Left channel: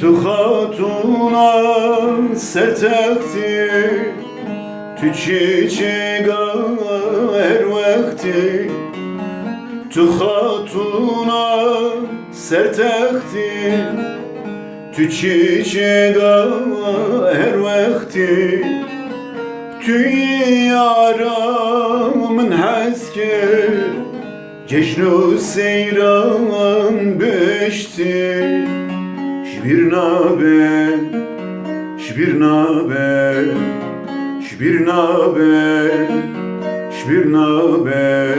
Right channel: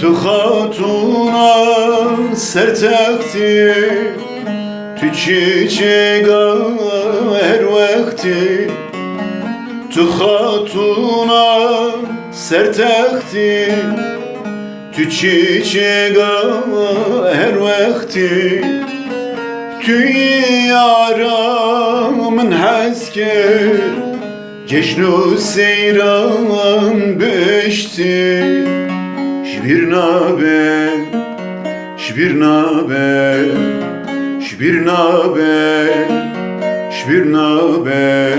Tu hatuna sertekti, tu çiçeğe her vakti. Tu hatuna sertekti, tu çiçeğe her vakti. Tu yaramın hasker, ceşnu seyran beşti. Şbirnabe, şbirnabe, şbirnabe, şbirnabe,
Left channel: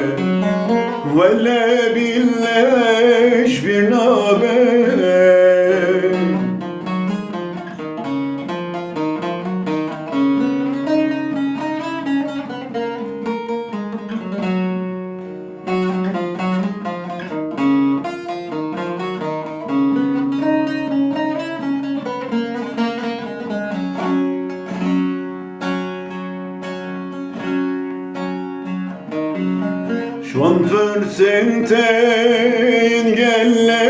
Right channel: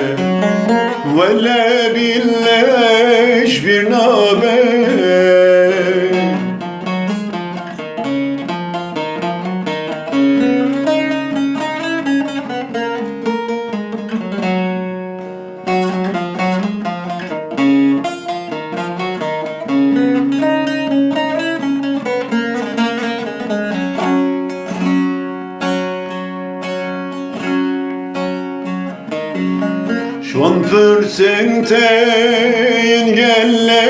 velle bille şbirnabe. Şu an fırsenteyn gelle,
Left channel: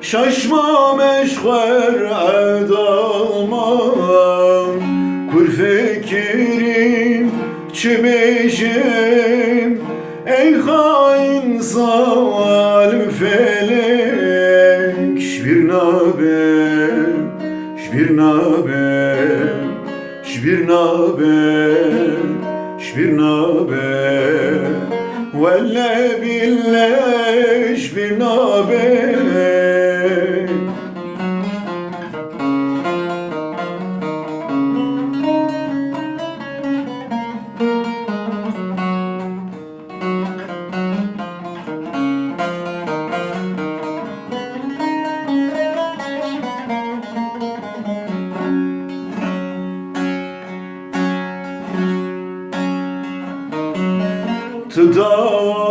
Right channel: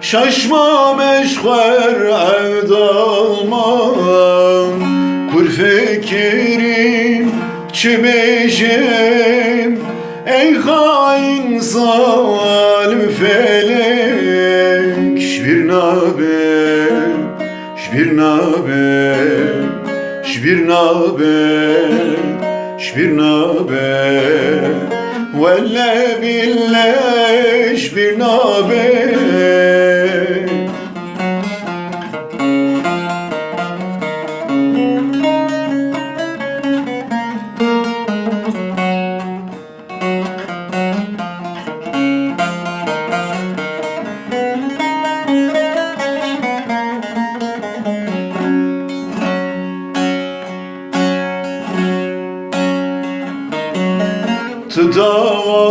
şaşma meşher edalman. Kur fikirim çimeşim, ey hain zalim felek. Şbirnabe, şbirnabe, şbirnabe, şbirnabe, velle bille şbirnabe.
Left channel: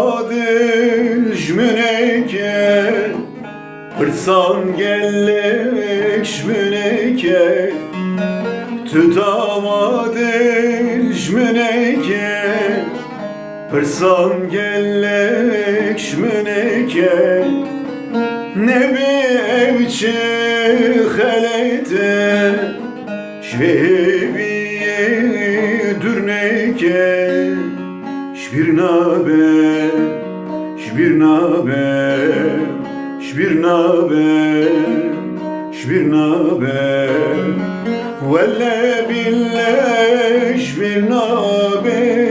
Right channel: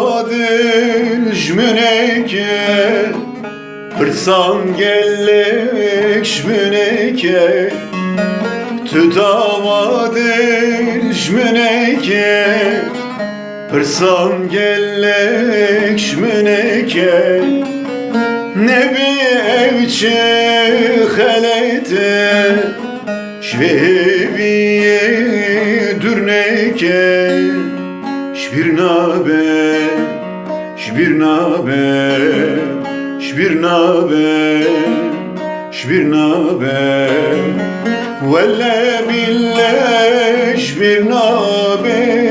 Tıdavadil jmeneke, hırsan gellek jmeneke. Tıdavadil jmeneke, hırsan gellek jmeneke. Nebi evçe halete, şveviye dürneke. Şbirnabe, şbirnabe, şbirnabe, şbirnabe, velle bille şbirnabe.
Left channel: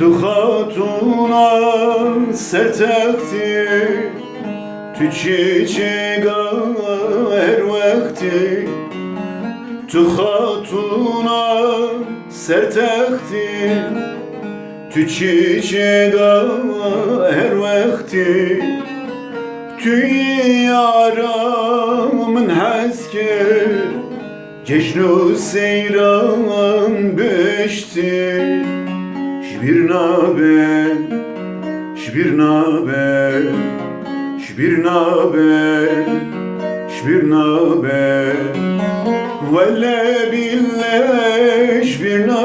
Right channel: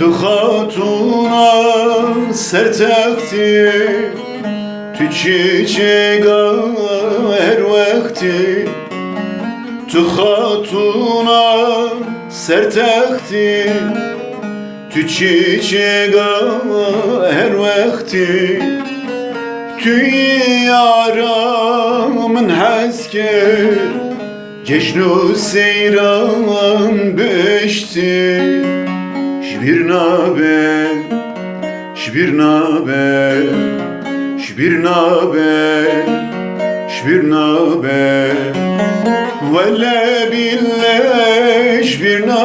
Tu hatuna sertekti, tu çiçeğe her vakti. Tu hatuna sertekti, tu çiçeğe her vakti. Tu yaramın hasker, ceşnu seyran beşti. Şbirnabe, şbirnabe, şbirnabe, şbirnabe, velle bille şbirnabe.